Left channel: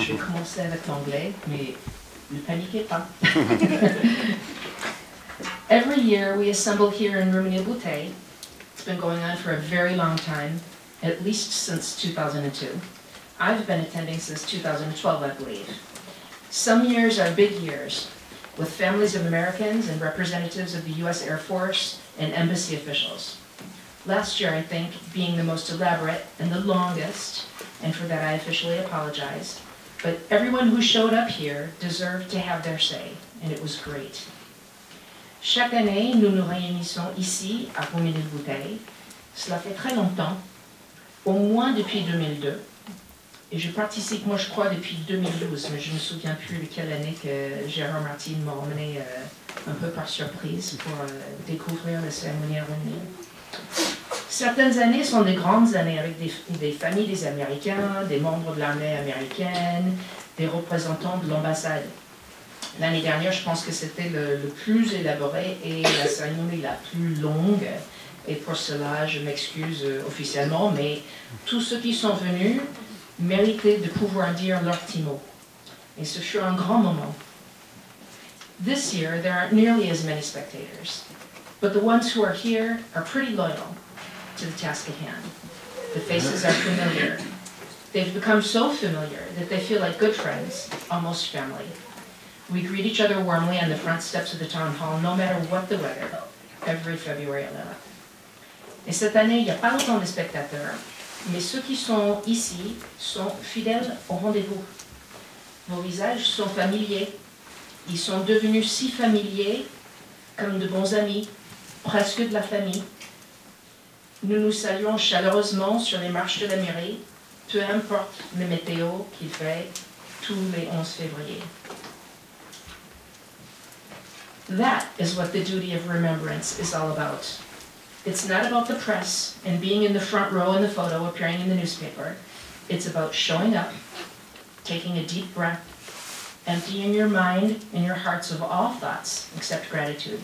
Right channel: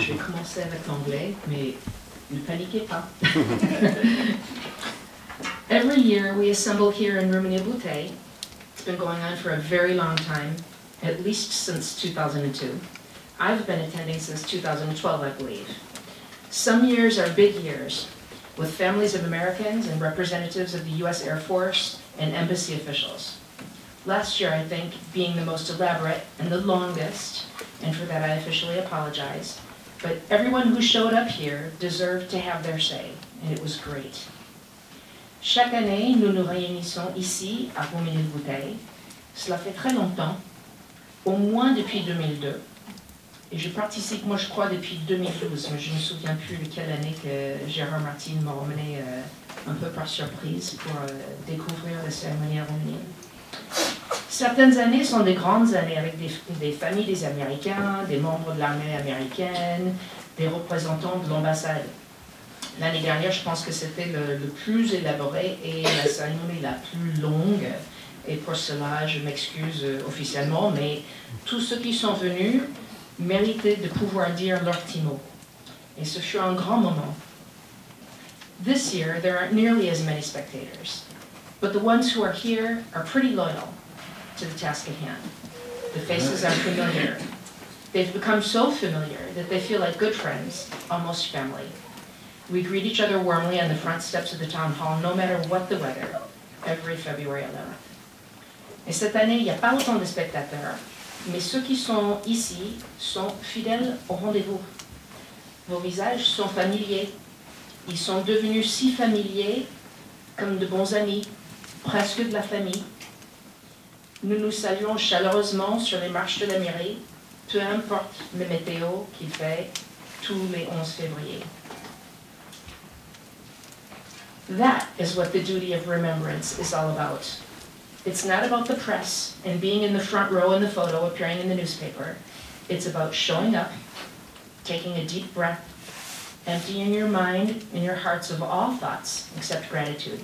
je vais commencer avec l'anglais, mais ne paniquez pas. Every year we assemble here in Rumanier-Bouteille. It's been going on for a very long time, at least since 2002. I've been attending since 2012, I believe. Some years are big years, with families of Americans and representatives of the U.S. Air Force and embassy officials. Last year, I think, being the most elaborate and the longest, and for that I officially apologize, but everyone who showed up here deserved to have their say, and it was great. Chaque année, nous nous réunissons ici, à Rumanier-Bouteille. Cela fait très longtemps, au moins depuis 2002. Et je participe, moi je crois, depuis 2012, mais je ne me souviens plus quelle année que Gérard Martin m'a emmené un peu par surprise pour découvrir la cérémonie à Rumanier. Certaines années sont des grandes années avec des familles des Américains, des membres de l'armée américaine, des représentants de l'ambassade. L'année dernière, je pense que c'était le plus élaboré et la cérémonie la plus longue. Et pour cela, je m'excuse officiellement, mais tous ceux qui sont venus méritaient de pouvoir dire leur petit mot. Et ce fut un grand moment. This year, there aren't nearly as many spectators, but the ones who are here are pretty loyal to the task at hand. The faces are familiar. They've become so familiar that they feel like good friends, almost family. We greet each other warmly on the front steps of the town hall, no matter what the weather, every February 11th. Et cette année, il n'y a pas autant de spectateurs, mais ceux qui sont ici sont fidèles au rendez-vous. Vos visages sont familiers. Ils sont devenus si familiers comme de bons amis, presque de la famille. Nous nous saluons chaleureusement sur les marches de la mairie, peu importe le météo qu'il fait tous les 11 février. That is what the duty of remembrance is all about. It's not about the press and being in the front row in the photo appearing in the newspaper. It's about showing up, taking a deep breath, emptying your mind and your hearts of all thoughts except gratitude.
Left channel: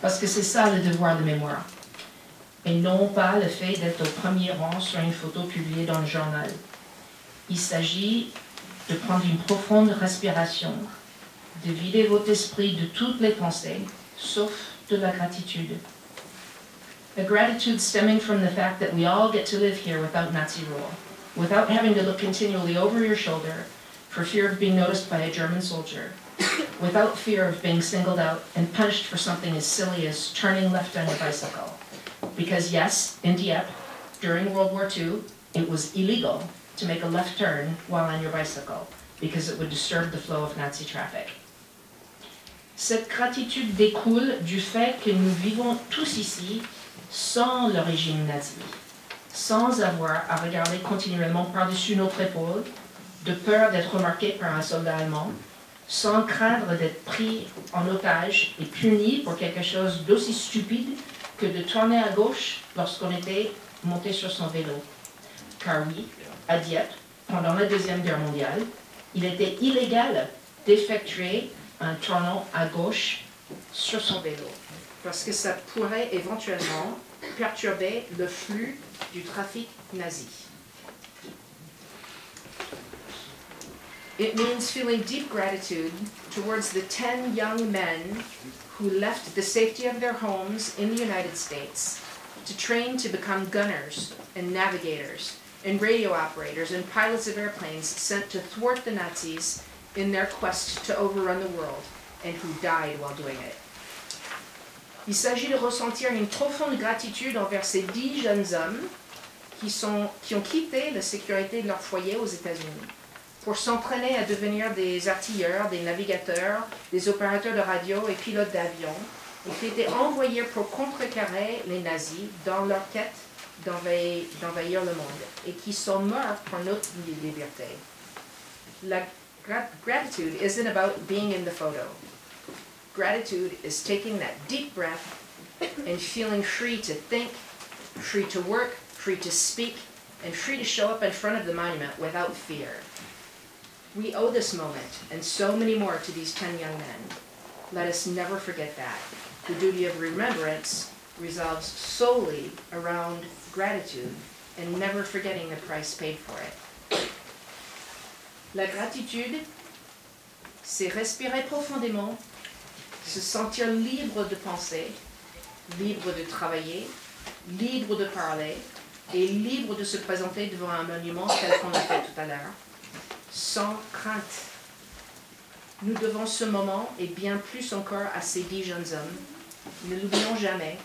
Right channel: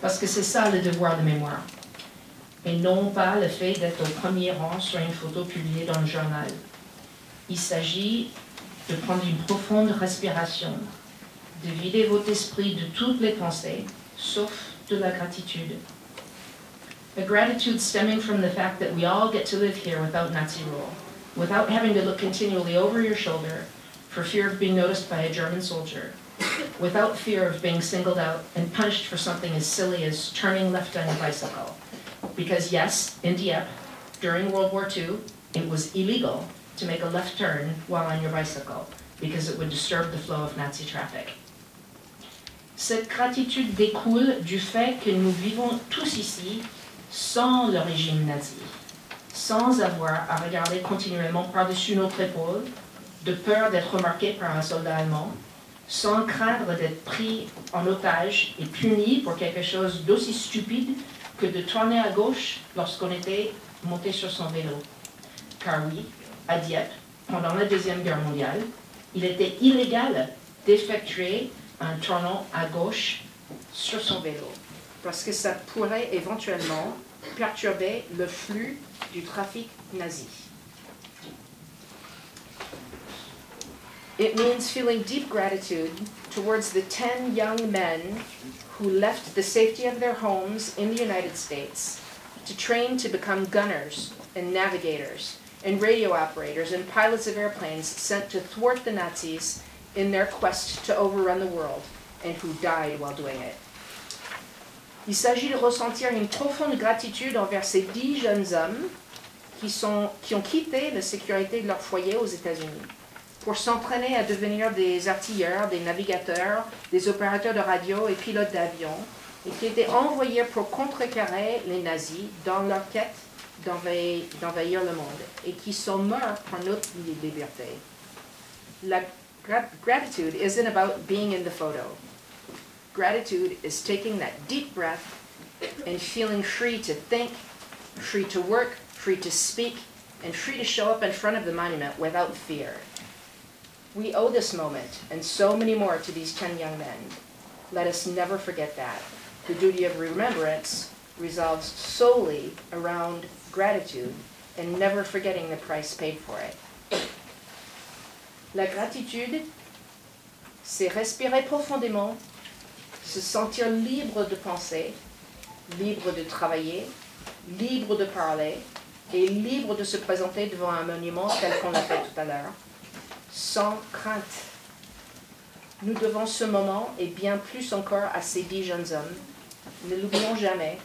Parce que c'est ça le devoir de mémoire. Et non pas le fait d'être au premier rang sur une photo publiée dans le journal. Il s'agit de prendre une profonde respiration, de vider votre esprit de toutes les pensées, sauf de la gratitude. A gratitude stemming from the fact that we all get to live here without Nazi rule, without having to look continually over your shoulder for fear of being noticed by a German soldier, without fear of being singled out and punished for something as silly as turning left on your bicycle. Because yes, in Dieppe, during World War II, it was illegal to make a left turn while on your bicycle, because it would disturb the flow of Nazi traffic. Cette gratitude découle du fait que nous vivons tous ici sans le régime nazi, sans avoir à regarder continuellement par-dessus notre épaule, de peur d'être remarqué par un soldat allemand, sans craindre d'être pris en otage et puni pour quelque chose d'aussi stupide que de tourner à gauche lorsqu'on était monté sur son vélo. Car oui, à Dieppe, pendant la Deuxième Guerre mondiale, il était illégal d'effectuer un tournant à gauche sur son vélo, parce que ça pourrait éventuellement perturber le flux du trafic nazi. It means feeling deep gratitude towards the 10 young men who left the safety of their homes in the United States to train to become gunners and navigators and radio operators and pilots of airplanes sent to thwart the Nazis in their quest to overrun the world, and who died while doing it. Il s'agit de ressentir une profonde gratitude envers ces 10 jeunes hommes qui ont quitté la sécurité de leur foyer aux États-Unis pour s'entraîner à devenir des artilleurs, des navigateurs, des opérateurs de radio et pilotes d'avion, et qui étaient envoyés pour contrecarrer les nazis dans leur quête d'envahir le monde, et qui sont morts pour notre liberté. La gratitude isn't about being in the photo. Gratitude is taking that deep breath and feeling free to think, free to work, free to speak, and free to show up in front of the monument without fear. We owe this moment and so many more to these 10 young men. Let us never forget that. The duty of remembrance revolves solely around gratitude and never forgetting the price paid for it. La gratitude, c'est respirer profondément, se sentir libre de penser, libre de travailler, libre de parler et libre de se présenter devant un monument tel qu'on l'a fait tout à l'heure, sans crainte. Nous devons ce moment et bien plus encore à ces 10 jeunes hommes. Ne l'oublions jamais,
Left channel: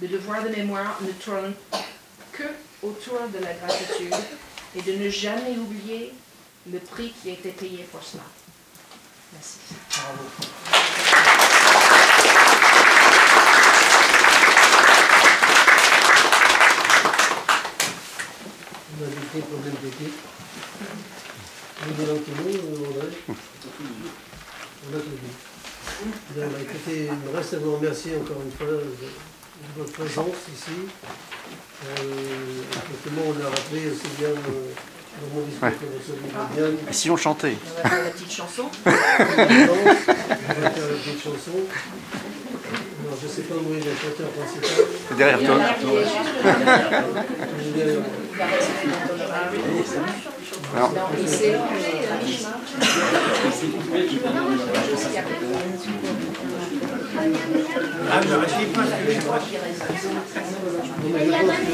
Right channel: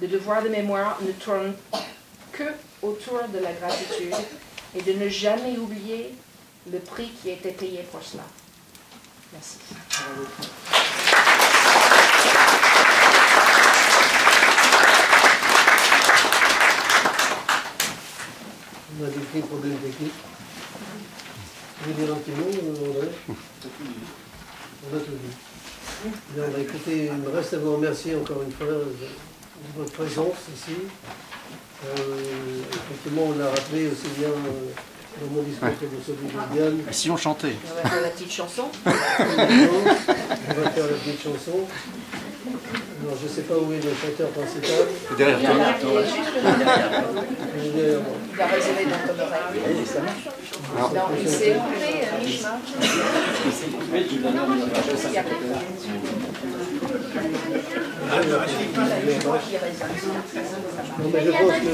le devoir de mémoire ne tourne que autour de la gratitude et de ne jamais oublier le prix qui a été payé pour cela. Merci. On a des problèmes techniques. Vous voulez l'enquête, on a tout vu. Bien, bah, écoutez, il me reste à vous remercier encore une fois de votre présence ici. Effectivement, on a rappelé aussi bien dans mon discours que dans celui de Diane. Si on chantait. On va faire la petite chanson. Maintenant, on va faire la petite chanson. Alors, je ne sais pas où est le chanteur principal. Il est juste derrière. Il est derrière moi. Il va résonner dans ton oreille. Non, il s'est coupé mi-chemin. Il s'est coupé tout à l'heure, mais Il y a Non, mais je pense que